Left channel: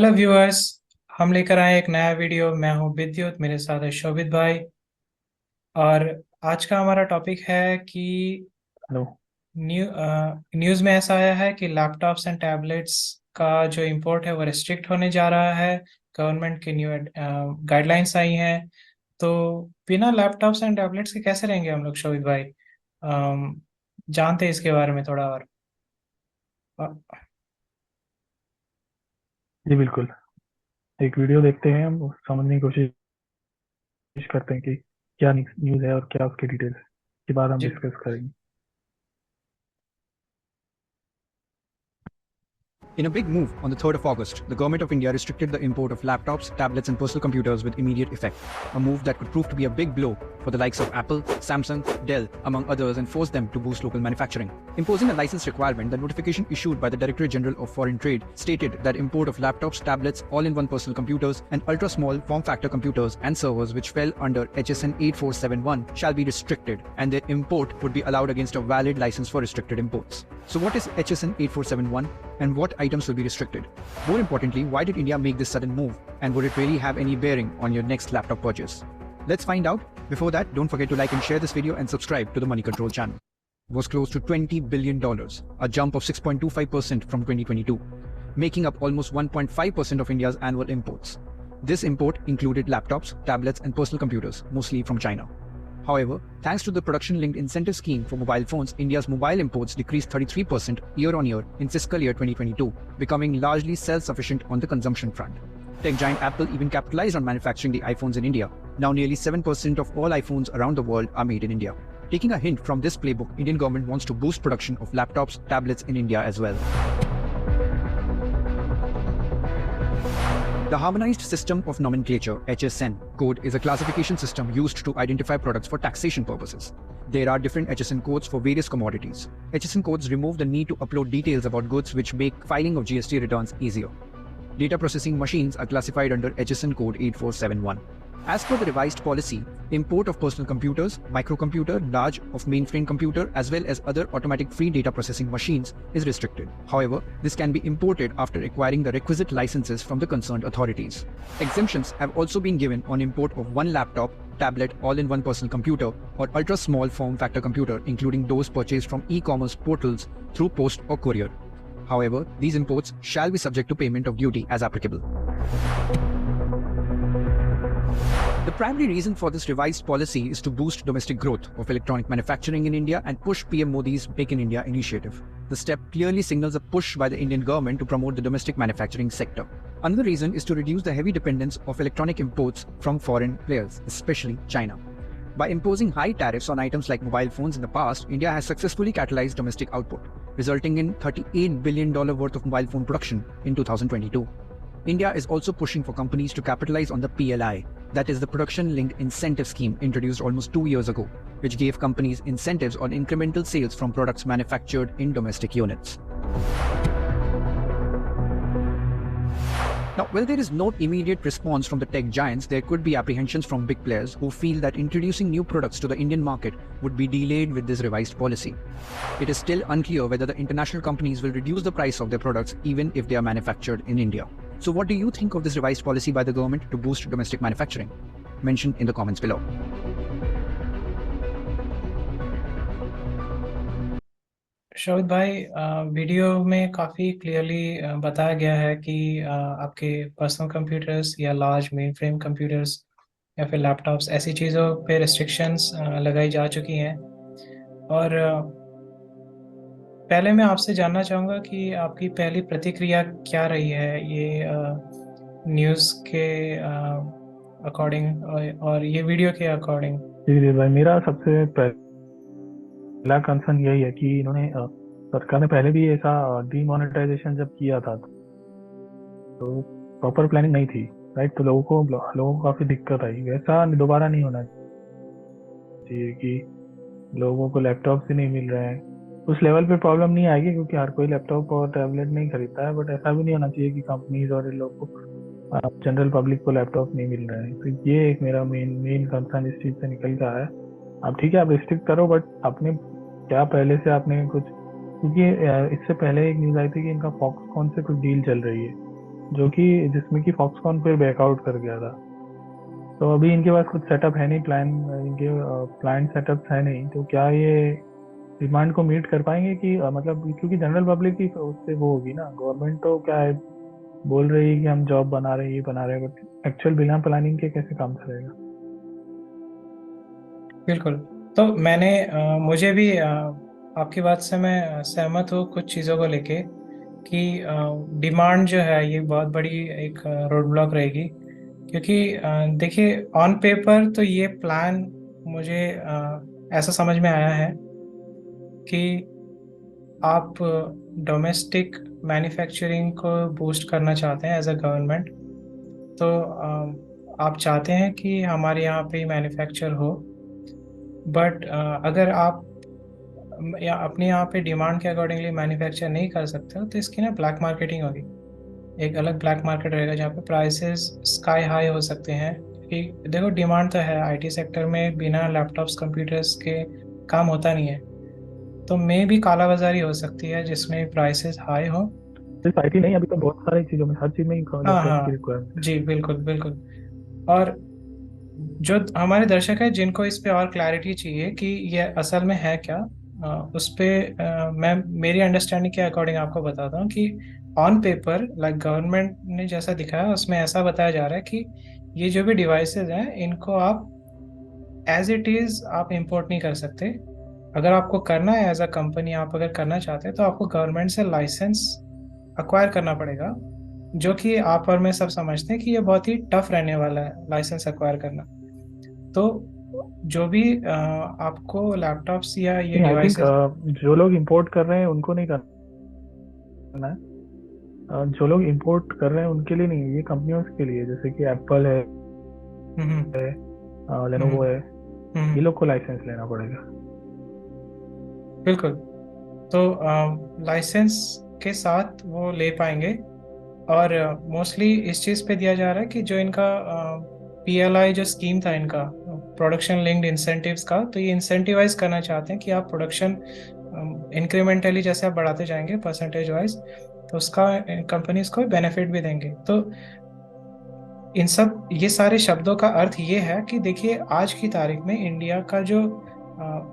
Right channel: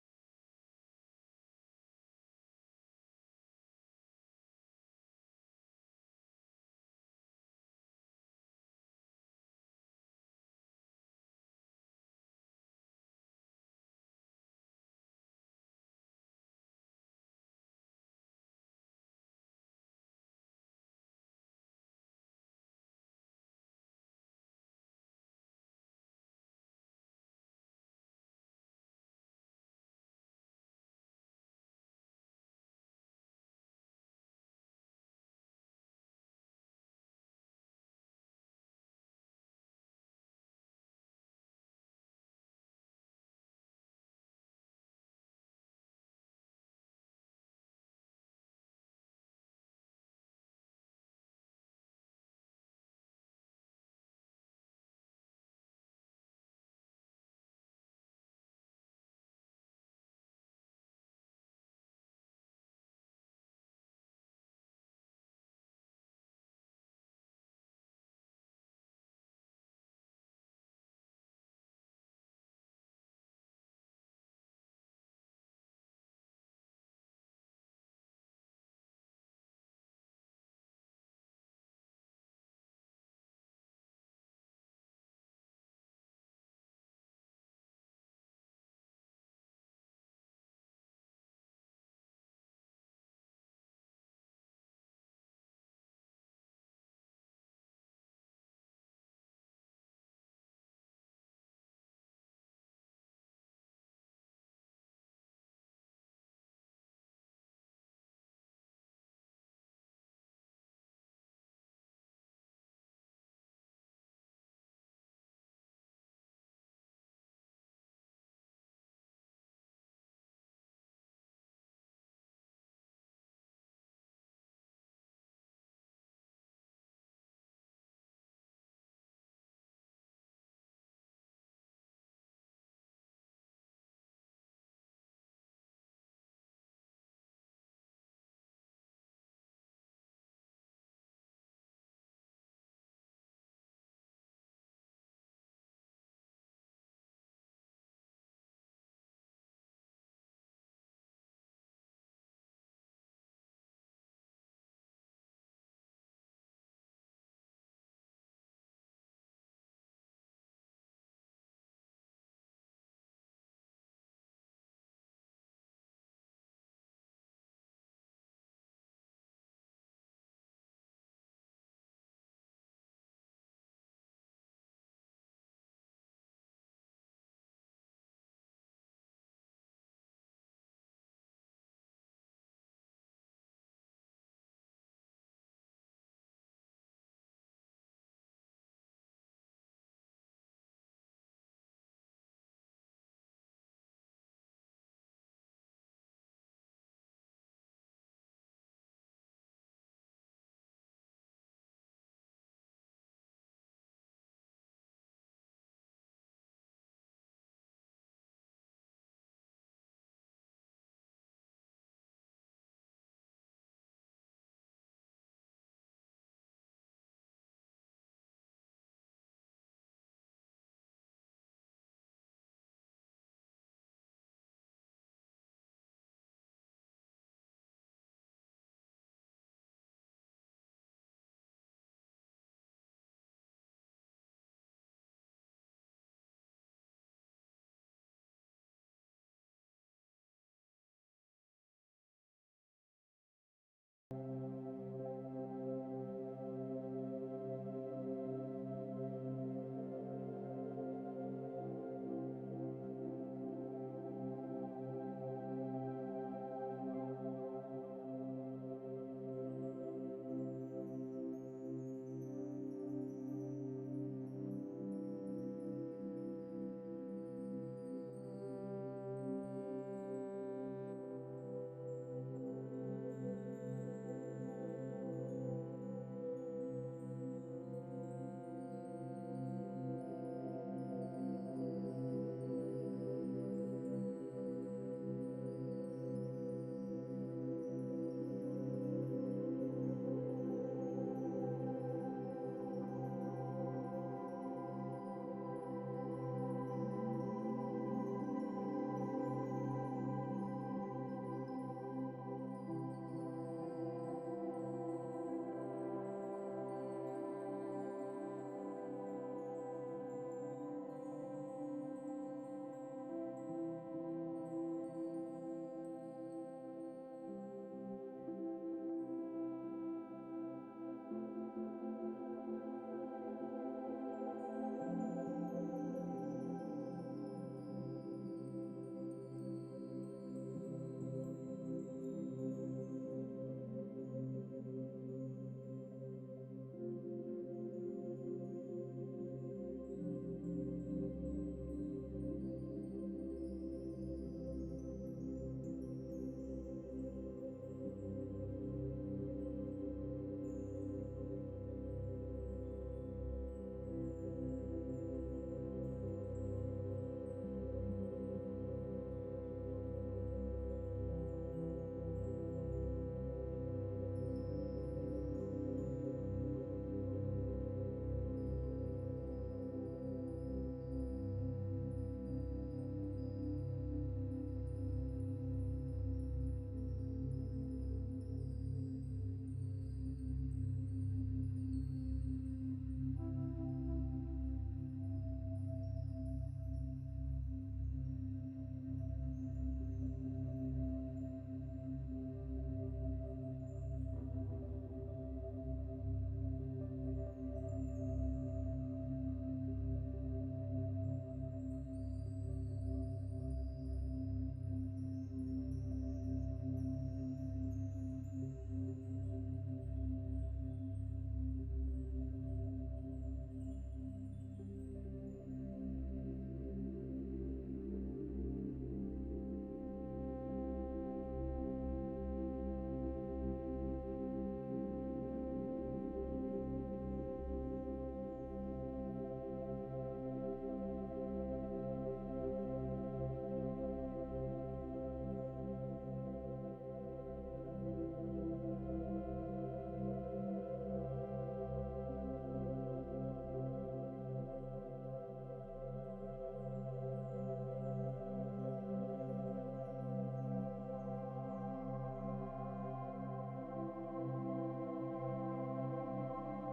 Hello viewers. हम लेकर आए एक नया वीडियो। मैं हूं विद्युत, मेरे साथ है शोभित भाई। और आज का हमारा टॉपिक है कि हेलो। न्यूज़ में ऐसा आया है कि लैपटॉप्स एंड टैबलेट्स का जो इंपोर्ट है वो रिस्ट्रिक्ट होने जा रहा है। गवर्नमेंट की न्यू गाइडलाइंस आई हैं। तो बिना लैपटॉप्स एंड टैबलेट्स के कैसे रहेंगे हम लोग, शोभित भाई? जानते हैं इसके बारे में थोड़ा और? जी बिल्कुल। एक वीडियो देखते हैं, हम समझने की कोशिश करते हैं कि क्या न्यूज़ है और क्या उसकी डिटेल्स के बाद हम जी। डिस्कस करेंगे। In a big move on the 3rd of August, the Government of India restricted the import of laptops, tablets, and personal computers with immediate effect. A move that could prove to be a big blow for the likes of Apple, Samsung, Dell, among others, and force them to boost local manufacturing. Imposing a license requirement, the notification issued by the Directorate General of Foreign Trade stated that import of laptops, tablets, all in one personal computers, and ultra small form factor computers and servers which fell under HSN 8471 shall be restricted, and their import would be allowed against a valid license for restricted imports. So, what is HSN 8471? And what items will be restricted? More importantly, why did India make this sudden move? And would it really have any bearing on your next laptop purchase? Let's find out. Before that, don't forget to like and share this video and subscribe to the Money Control channel. Was close to $20 billion, a jump of 6.25% from 2022, making up almost 1.5% of India's annual imports. This import included laptops, tablets, and personal computers, mostly from China. However, thanks to the production-linked incentive scheme for mobile phones, India's mobile imports decreased 33% year-on-year in fiscal year 2022, becoming largely self-sufficient on the consumption front. Tech giant Apple even capitalized on manufacturing the iPhones in India. Now nearly 7% of all iPhones around the world are made in India. Taking a hint from this playbook, Indian government wants to boost production of laptops, tablets in India as well. The Harmonized System of Nomenclature (HSN) code is a classification system used to identify products for taxation purposes. There are different HSN codes for various commodities. HSN codes remove the need to upload details about goods, which make filing of GST returns easier. Data processing machines are classified under HSN code 8471. As per the revised policy, import of personal computers, microcomputer, large of mainframe computer, as well as other automatic free data processing machines is restricted. However, this can be imported after acquiring the requisite licenses from the concerned authorities. Exemptions have also been given on import of one laptop, tablet, all-in-one personal computer, or ultra-small form factor computer, including those purchased from e-commerce portals through post or courier. However, these imports shall be subject to payment of duty as applicable. The primary reason for this revised policy is to boost domestic growth of electronic manufacturing in India and push PM Modi's Make in India initiative. The step clearly signals a push by the Indian government to promote the domestic manufacturing sector. Another reason is to reduce the heavy dependence of electronic imports from foreign players, especially China. By imposing high tariffs on items like mobile phones in the past, India has successfully catalyzed domestic output, resulting in $38 billion worth of mobile phone production in 2022. India is also pushing for companies to capitalize on the PLI, that is the Production Linked Incentive Scheme introduced almost 2 years ago, which gave companies incentives on incremental sales from products manufactured in domestic units. Now, while there is no immediate response from the tech giants, there could be apprehensions from big players who feel that introducing new products to the Indian market would be delayed with this revised policy. It is still unclear whether the international companies will reduce the price of their products even if they are manufactured in India. So what do you think of this revised policy by the government to boost domestic manufacturing? Mention in the comments below. शोभित भाई, video में काफ़ी clearly बताया गया है कि आपके personal computers या large main frame computers या फिर लैपटॉप्स, ऐसी चीज़ों पे रिस्ट्रिक्शंस लगाई जा चुकी हैं। और पहले मैं आपसे जानना चाहूँगा कि आपकी पहली प्रतिक्रिया क्या रही है ये न्यूज़ के अकॉर्डिंग और ये वीडियो के अकॉर्डिंग? जी भाई, मेरा सबसे पहला कंसर्न यही है कि इन्होंने सरकार ने पहले भी ऐसा डीमोनेटाइजेशन जब किया था तो प्रॉपर प्लानिंग नहीं थी, राइट? तो लोगों को काफी दिक्कत आई। वैसा दोबारा नहीं होना चाहिए कि लोगों को लैपटॉप ही नहीं मिल रहे हैं। उस लेवल पे प्रॉब्लम नहीं आएगी क्योंकि हर कोई लैपटॉप और टैबलेट नहीं खरीदता है, बट ऐसा भी नहीं होना चाहिए कि कंपनीज और इन लोगों को, जनरल पब्लिक को लैपटॉप नहीं मिल रहे हैं। तो ये एक मेरा मेन मेन कंसर्न इस चीज से निकल का है। आप ठीक है, आप रिस्ट्रिक्ट करो, बट आपने क्या पहले से आपने कुछ, क्योंकि इससे पहले एक न्यूज आई थी कि इनका फॉक्सकॉन से कुछ डील चल रही है, जो कि जिसमें कि फॉक्सकॉन फिर बैकआउट कर गया था। तो अभी इनके पास कुछ सेटअप है नहीं, इनके प्लांट सेटअप्स है नहीं, तो क्या ये डिमांड को मीट कर पाएंगे कि मतलब क्योंकि जनरल पब्लिक की उससे वो होगी ना, गवर्नमेंट तो क्या है बोल रही है कि हम जॉब बना रहे हैं, ये बना रहे हैं, बट एक्चुअल बिना प्लानिंग के कैसे काम चलेगा। बिल्कुल। तो मुझे भी आपकी बात से मैं सहमत हूँ कुछ चीज़ों को लेके कि डिमांड जो है ये बहुत बड़ी एक रोड ब्लॉक रहेगी, क्योंकि देखिए ऑन पेपर तो ये प्लान मुझे ऐसा समझ में आया है कि आप डोमेस्टिक मैन्युफैक्चरिंग को बूस्ट करना चाहते हैं एज अ गवर्नमेंट। तो आप चाहते हैं कि हमारे यहाँ पे मैन्युफैक्चर हो, बट अगर आप या अपने यहाँ पे डिमांड के अकॉर्डिंगली मैन्युफैक्चर नहीं कर सकते हो तो इसकी ना ब्लैक मार्केटिंग होगी। एक अलग ब्लैक मार्केट रहेगा जहाँ पे प्राइसेस स्काई हाई हो सकते हैं, कि देखो डिमांड तो है, आईटी सेक्टर में बिना लैपटॉप्स कंप्यूटर्स के काम होता नहीं है। तो मे भी काला बाजारी हो सकती है जिसमें प्राइसेस हाई हो। सिर्फ आईटी नहीं, अभी तो बहुत सारी चीजों में, हर चीज में ही हाँ लैपटॉप की हाँ, रिक्वायरमेंट है। जी बिल्कुल बिल्कुल। और जो हमारे दर्शक है जिनको इस पे और क्लैरिटी चाहिए कि ये असल में है क्या, उस पे मैं मेरी अंडरस्टैंडिंग के अकॉर्डिंग आपको बताता हूँ कि ऑन पेपर लाइक गवर्नमेंट ने जैसा दिखाया उसमें ऐसा बताया जा रहा है कि ये जो भी डिवाइसेस हैं इनको आप एज इट इज़ आप इंपोर्ट नहीं कर सकते। अगर आपको करना है एज अ कंपनी, आप अगर करना चाहते हैं तो आपको गवर्नमेंट से लाइसेंस अक्वायर करना पड़ेगा, जो कि आप और मैं सब समझते हैं कि ये बहुत ही टफ रहने वाला है लाइसेंस अक्वायर करना। तो जो भी आपको लैपटॉप्स या ये नहीं, आई थिंक डिवाइसेस। जो लोग इंपोर्ट कर रहे हैं उनको नहीं करना है। जो लोग इंपोर्ट कर रहे हैं उनके लिए नहीं है, ये कंपनियों के लिए, जैसे कि एप्पल है, हम्म लेनोवो हम्म है, ये हम्म, लोग को लाइसेंस लेना पड़ेगा। बिल्कुल। तो लाइसेंस के साथ वो ले पाएंगे। और मोस्टली इस चीज़ पे दिया जा रहा है कि जो इनका पीएलआई जो स्कीम था इनका, प्रोडक्शन लिंक्ड इंसेंटिव्स का, तो ये इंसेंटिवाइज करना चाहते हैं कि आप प्रोडक्शन इंक्रीमेंटली जैसे आप बढ़ाते जाएंगे परसेंटेज वाइज, तो उसका कंपनीज को बेनिफिट भी देंगे। तो इन सब ये सारे शब्दों का अर्थ ये है कि देखिए आज की तारीख में इंडिया का जो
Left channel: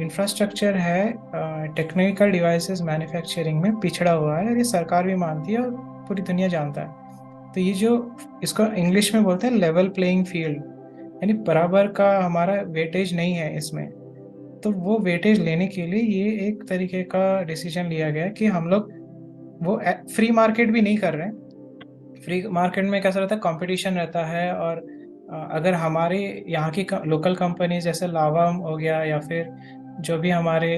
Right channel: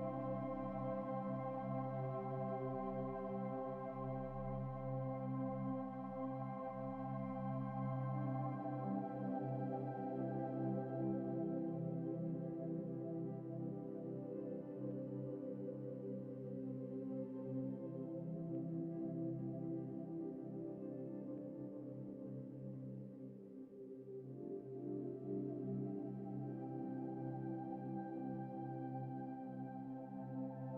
इंफ्रास्ट्रक्चर है टेक्निकल डिवाइसेस मैन्युफैक्चरिंग में पिछड़ा हुआ है, और ये सरकार भी मानती है और पूरी दुनिया जानता है। तो ये जो इसको इंग्लिश में बोलते हैं लेवल प्लेइंग फील्ड, यानी बराबर का हमारा वेटेज नहीं है इसमें। तो वो वेटेज लेने के लिए ये एक तरीके का डिसीजन लिया गया है कि हम लोग वो फ्री मार्केट भी नहीं कर रहे हैं। फ्री मार्केट में कैसा रहता है, कंपटीशन रहता है, और अगर हमारे यहाँ की लोकल कंपनीज जैसे लावा हो गया या फिर जो भी हमारे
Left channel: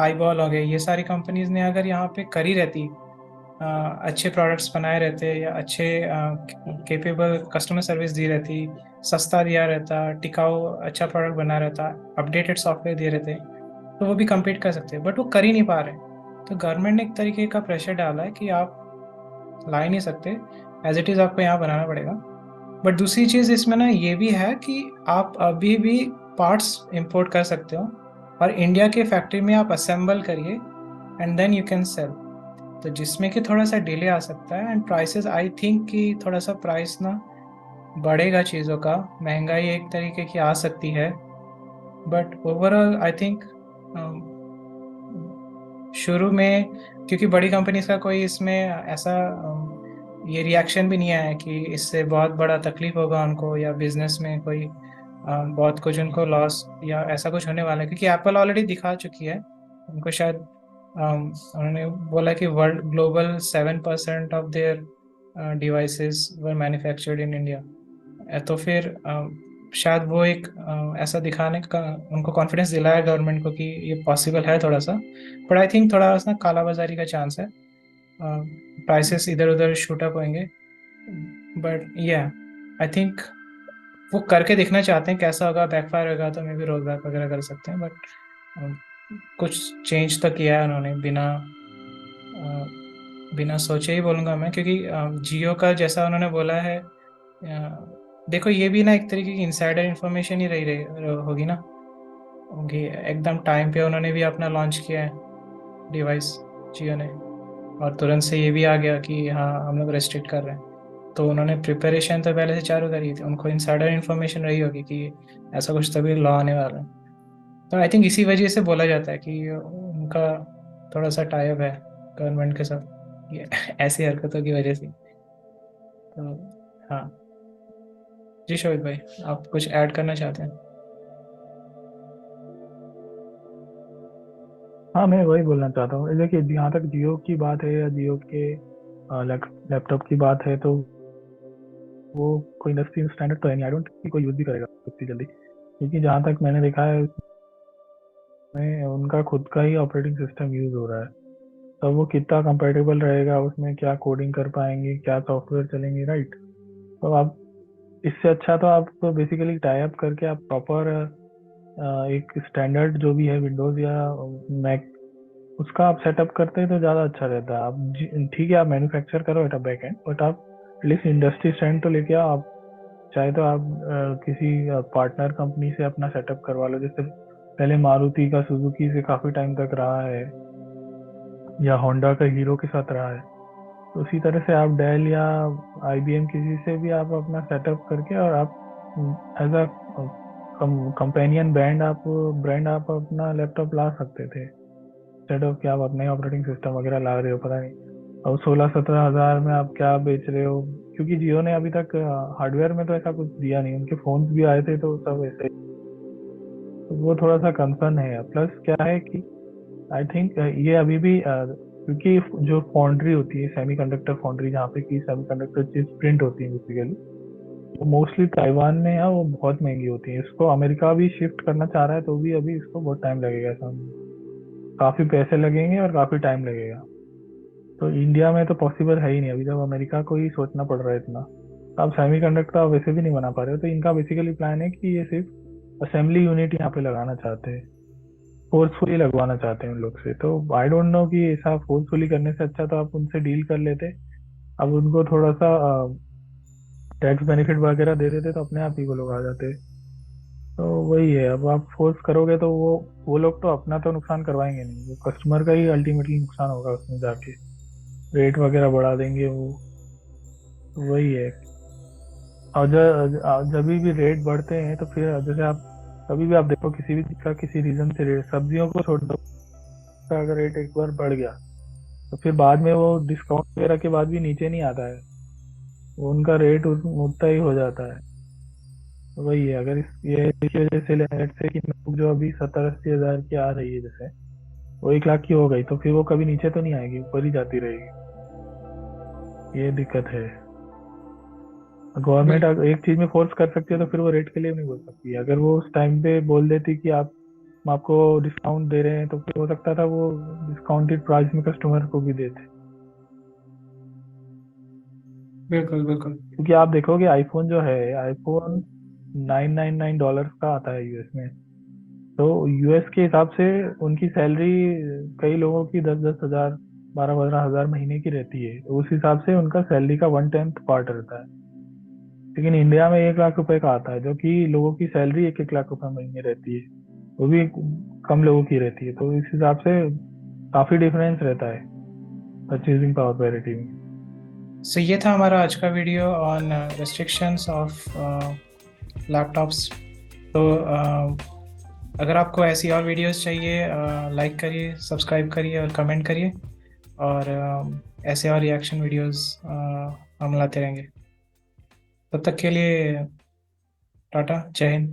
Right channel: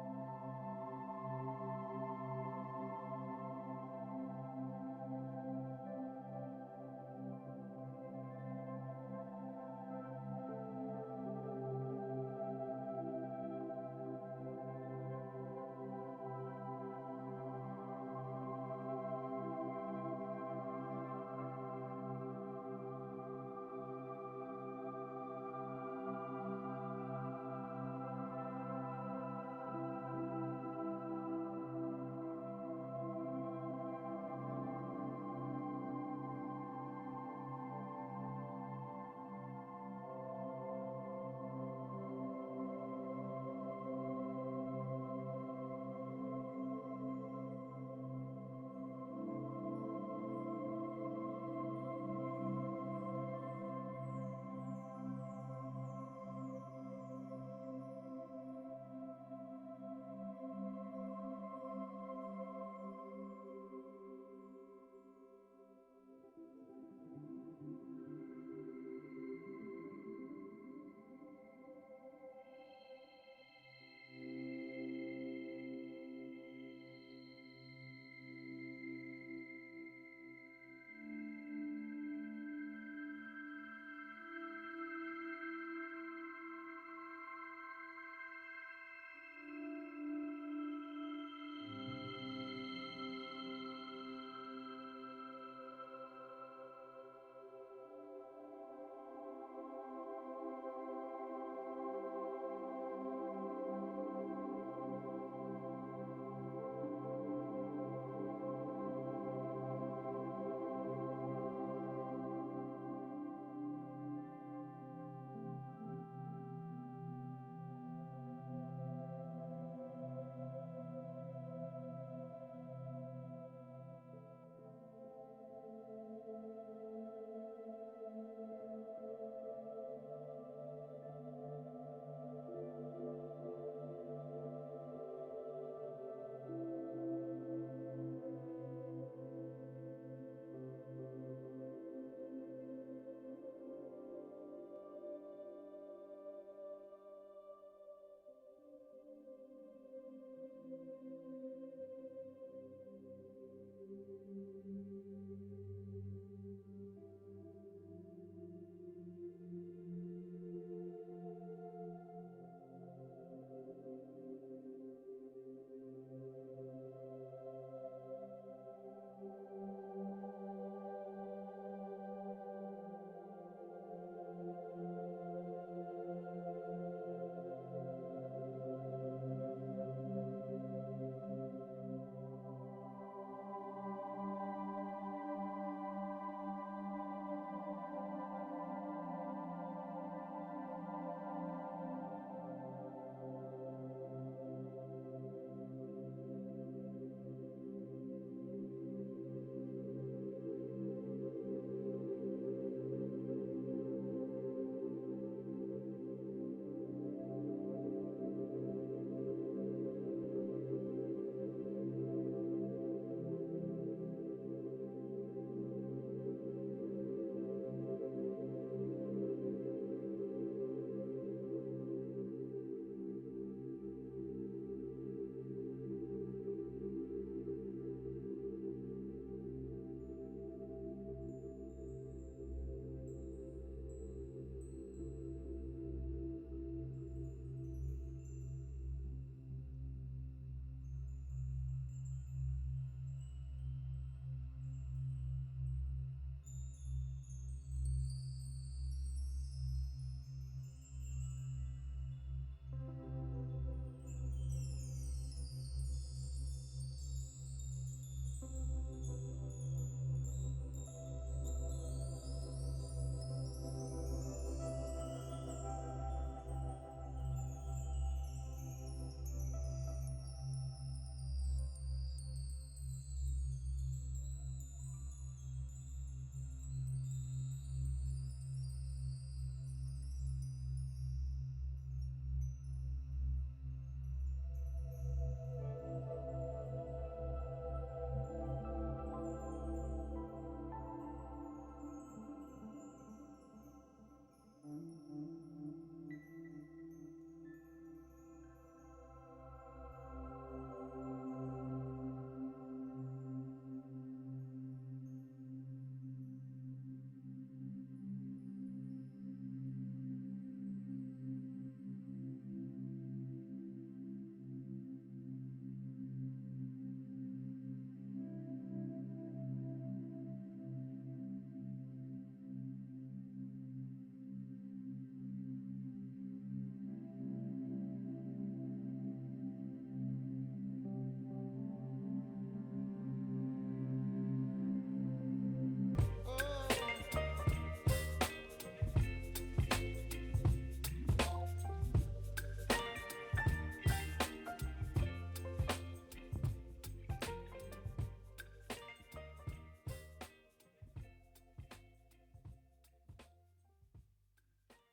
आईबॉल हो गए, ये सारी कंपनीज ने अगर यहाँ पे करी रहती, अच्छे प्रोडक्ट्स बनाए रहते या अच्छे केपेबल कस्टमर सर्विस दी रहती, सस्ता दिया रहता, टिकाऊ अच्छा प्रोडक्ट बना रहता, अपडेटेड सॉफ्टवेयर दिए रहते, तो वो भी compete कर सकते हैं, बट वो कर ही नहीं पा रहे। तो गवर्नमेंट ने एक तरीके का प्रेशर डाला है कि आप ला ही नहीं सकते, एज इट इज़ आपको यहाँ बनाना पड़ेगा। बट दूसरी चीज़ इसमें ना ये भी है कि आप अभी भी पार्ट्स इंपोर्ट कर सकते हो और इंडिया के फैक्ट्री में आप असेंबल करिए and then you can sell. तो जिसमें कि थोड़ा सा डिले आ सकता है, एंड प्राइसेस आई थिंक कि थोड़ा सा प्राइस ना बढ़ेगा चीज़ों का, महंगाई एक तरीके की आ सकती है। बट ओवरऑल आई थिंक शुरू में, क्योंकि बड़ी कंपनीज का कोई इसमें ऐसा ये रिएक्शन भी नहीं आया कि इससे बहुत बड़ा तकलीफ होगा उनको या बिजनेस में कोई बहुत कुछ उनको लॉस या ऐसा कुछ होने वाला है, क्योंकि एप्पल ऑलरेडी दिखा चुकी है उनको शायद, उन्होंने बोला कि world global 7% of their devices were manufactured in India. तो फिर शायद वो एक ऐसा दिखाने का उनको कॉन्फिडेंस दिलाया गवर्नमेंट को कि ये पॉसिबल है थोड़ा सा। बट आई थिंक थोड़ा सा काला बाजारी का चांस है, प्राइसेस इधर उधर शूट अप होंगे। बट या आई थिंक वो करके देखना चाहते हैं कैसा होगा, बैकफायर होगा तो मे भी रोल बैक वगैरह कर सकते हैं। बट कुछ चेंज तो किया है उन्होंने बिना सोचे ही बोलूँगा मैं, क्योंकि जियो का जैसा उन्होंने बोला है, देखो ये भी ना एक तरीके की इंसाइडर इन्फॉर्मेशन ही रही होगी ना, क्योंकि एकदम टाइम पे उन्होंने भी अपना लॉन्च किया है डिवाइस जियो ने, और तुरंत से ये भी आ गया कि हाँ हम लोग रेस्ट्रिक्ट कर रहे हैं। तो उन्होंने प्रिपरेशन तो पहले से चालू करी थी, उनको इनसाइडर इन्फॉर्मेशन रही होगी कि ऐसा कुछ तभी लॉ आने वाला है। तो आई थिंक इसी वजह से बोला जाता है कि उनका थोड़ा सा टाइप है गवर्नमेंट के साथ, ये ऐसी हरकतों की वजह से। तो हाँ जी शोभित भाई, आप कुछ ऐड करना चाहते हैं? हाँ, मैं वही बोलना चाहता हूँ। देखिए, जहाँ तक जियो की बात है या जियो के लैपटॉप की बात है, तो वो कोई इंडस्ट्री स्टैंडर्ड तो है नहीं। आई डोंट थिंक कोई यूज़ भी करेगा उतनी जल्दी, क्योंकि जहाँ तक मैंने देखा है उसमें उनका खुद का ही ऑपरेटिंग सिस्टम यूज़ हो रहा है। तो वो कितना कंपेटेबल रहेगा, उसमें क्या कोडिंग कर पाएंगे, क्या सॉफ्टवेयर चलेंगे, राइट? तो आप इससे अच्छा तो आप बेसिकली टाई अप करके आप प्रॉपर एक स्टैंडर्ड जो भी है विंडोज़ या मैक, उसका आप सेटअप करते हैं तो ज़्यादा अच्छा रहता है। आप ठीक है, आप मैन्युफैक्चर करो एट बैक एंड, बट आप एटलीस्ट इंडस्ट्री स्टैंड तो लेके आओ। आप चाहे तो आप किसी पार्टनर कंपनी से अपना सेटअप करवा लो, जैसे पहले मारुति का सुजुकी से काफ़ी टाइम तक रहा है, या होंडा का हीरो के साथ रहा है। तो उसी तरह से आप डेल या IBM किसी से भी आप अपना सेटअप करके, और आप एज अ कंपेनियन ब्रांड आप अपना लैपटॉप ला सकते थे, इंस्टेड ऑफ कि आप अपने ऑपरेटिंग सिस्टम वगैरह ला रहे हो। पता नहीं अब 16-17 हज़ार में आप क्या बेच रहे हो, क्योंकि जियो ने अभी तक हार्डवेयर में तो ऐसा कुछ दिया नहीं। उनके फोन्स भी आए थे तो सब ऐसे, तो वो थोड़ा सा कंसर्न है। प्लस क्या है कि आई थिंक ये अभी भी क्योंकि जो फाउंड्री होती है, सेमीकंडक्टर फाउंड्री, जहाँ पे की सेमीकंडक्टर चिप्स प्रिंट होती है बेसिकली, वो मोस्टली ताइवान में है। वो बहुत महंगी होती है। इसको अमेरिका भी शिफ्ट करना चाह रहा है, तो भी अभी इसको बहुत टाइम लगेगा। ऐसा काफी पैसे लगेंगे और काफी टाइम लगेगा। तो इंडिया में तो पॉसिबल है ही नहीं अभी, जब अमेरिका को ही सोचना पड़ रहा है इतना। तो आप सेमीकंडक्टर आप वैसे भी नहीं बना पा रहे हो। तो इनका बेसिकली प्लान है कि ये सिर्फ असेंबली यूनिट यहाँ पे लगाना चाहते हैं, फोर्सफुली लगवाना चाहते हैं उन लोग से। तो आई डोंट नो कि ऐसा फोर्सफुली करने से अच्छा तो आप उनसे डील कर लेते। अब उनको थोड़ा सा टैक्स बेनिफिट वगैरह दे देते तो अपने आप ही वो लोग आ जाते। तो वही है, अब आप फोर्स करोगे तो वो लोग तो अपना तो नुकसान करवाएंगे नहीं, वो कस्टमर का ही अल्टीमेटली नुकसान होगा उसमें जाके। रेट वगैरह बढ़ा देंगे वो, वही है। और जब भी रेट बढ़ते हैं तो फिर जैसे आप कभी भी आप देखो, किसी भी का किसी रीजन से रेट, सब्जियों को छोड़ दो, का अगर रेट एक बार बढ़ गया तो फिर बाद में वो डिस्काउंट वगैरह के बाद भी नीचे नहीं आता है, वो उनका रेट उतना ही हो जाता है। तो वही है, अगर इसकी वजह से लेट से कि नोटबुक जो अभी 70-80 हज़ार की आ रही है, जैसे वो 1 लाख की हो गई, तो फिर वो कभी नीचे तो नहीं आएगी, ऊपर ही जाती रहेगी। ये दिक्कत है। गवर्नमेंट बिल्कुल। अगर एक चीज में फोर्स कर सकती है तो फिर वो रेट के लिए नहीं बोल सकती है। अगर वो उस टाइम पे बोल देती कि आप, हम आपको डिस्काउंट दे रहे हैं, तो फिर हो सकता था वो डिस्काउंटेड प्राइस में कस्टमर को भी देते। बिल्कुल बिल्कुल। क्योंकि आप देखोगे आईफोन जो है, आईफोन $999 का आता है यूएस में। तो यूएस के हिसाब से उनकी सैलरी कई लोगों की 10-10 हज़ार, 12-15 हज़ार महीने की रहती है। तो उस हिसाब से उनका सैलरी का 1/10 पार्ट रहता है। लेकिन इंडिया में 1 लाख रुपए का आता है, जो कि लोगों की सैलरी 1-1 लाख रुपए महीने रहती है, वो भी कम लोगों की रहती है। तो इस हिसाब से काफी डिफरेंस रहता है परचेजिंग पावर पैरिटी में। सो ये था हमारा आज का video on restrictions of laptops. तो अगर आपको ऐसी और वीडियोस चाहिए, लाइक करिए, सब्सक्राइब करिए और कमेंट करिए। और ऐसे और रिएक्शन वीडियोस हम लाते रहेंगे। तब तक के लिए टाटा, जय हिंद।